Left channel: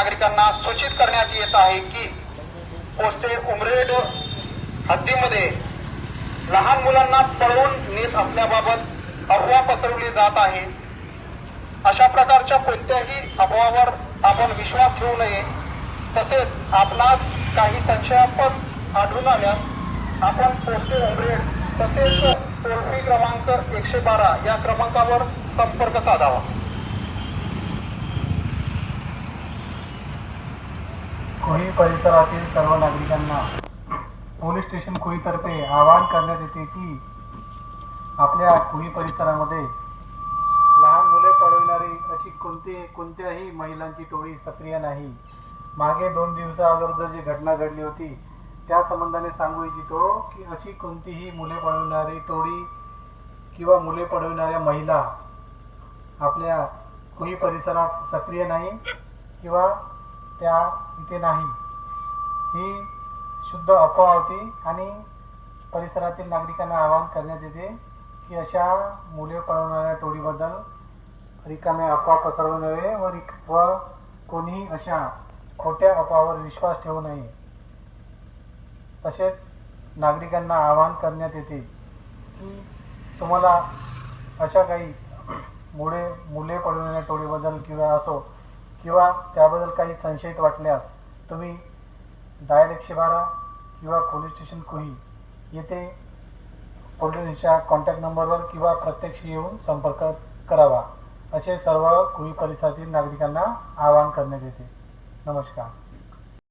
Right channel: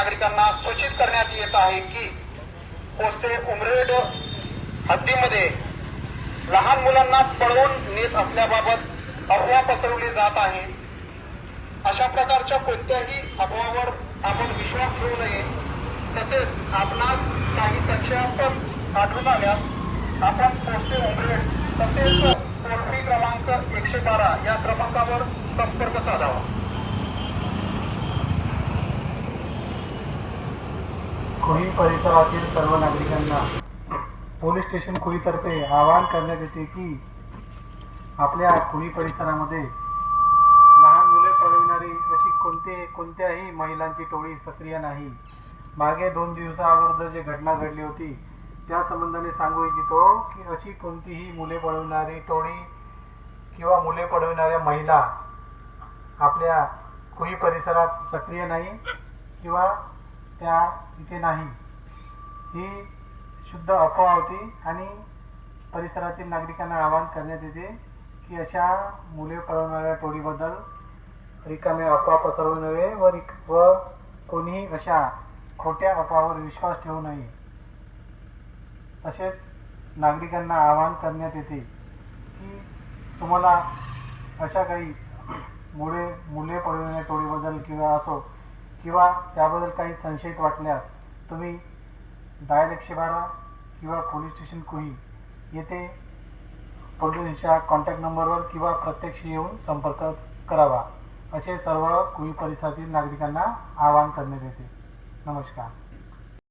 नागरिकांना सूचित करण्यात येत आहे की पोस्टे उमरेड हद्दीमध्ये लहान मुलांना पळवून नेत असल्याबाबत अफवा पसरवली जात आहे। अशा प्रकारच्या कोणत्याही अफवावर आपण विश्वास ठेवू नये। तसेच आपणास काही संशयास्पद आढळून आल्यास आपण पोस्टे उमरेड तसेच टोल फ्री क्रमांक 112 या क्रमांकावर संपर्क साधावा। कुही परिसरातील सर्व नागरिकांना पोलीस स्टेशन कुहीतर्फे आवाहन करण्यात येते की आपल्या कुही परिसरामध्ये लहान मुले पळविणारी अशी कोणत्याही महिलांची टोळी सक्रिय नाही। मागे 2 दिवसाअगोदर जी घटना घडली होती त्या संबंधाने सांगू इच्छितो की अशी कोणतीही मुले पळविणारी टोळी किंवा मुले पळविणाऱ्या महिला आपल्या कुही परिसरात सक्रिय नाही किंवा त्या इथे नाही। ही शुद्ध अफवा होती आणि परिसरातील नागरिकांना आवाहन करण्यात येते की अशा मुले पळवणाऱ्या टोळीबद्दल रिकामे अफवा पसरवू नये व कोणीही अशा खोट्या अफवावर विश्वास ठेवू नये। तसेच नागरिकांना आवाहन करण्यात येते की तुम्हाला अशा काही मुले पळवणाऱ्या टोळीबद्दल किंवा त्याबद्दल काही संशयित वाटल्यास तुम्ही डायल 112 किंवा पोलीस स्टेशन कुही येथे पोलिसांच्या कॉन्टॅक्ट नंबरवर किंवा प्रत्यक्ष येऊन संपर्क करावा, असे सर्व कुही परिसरातील नागरिकांना आवाहन करण्यात येते। नमस्कार।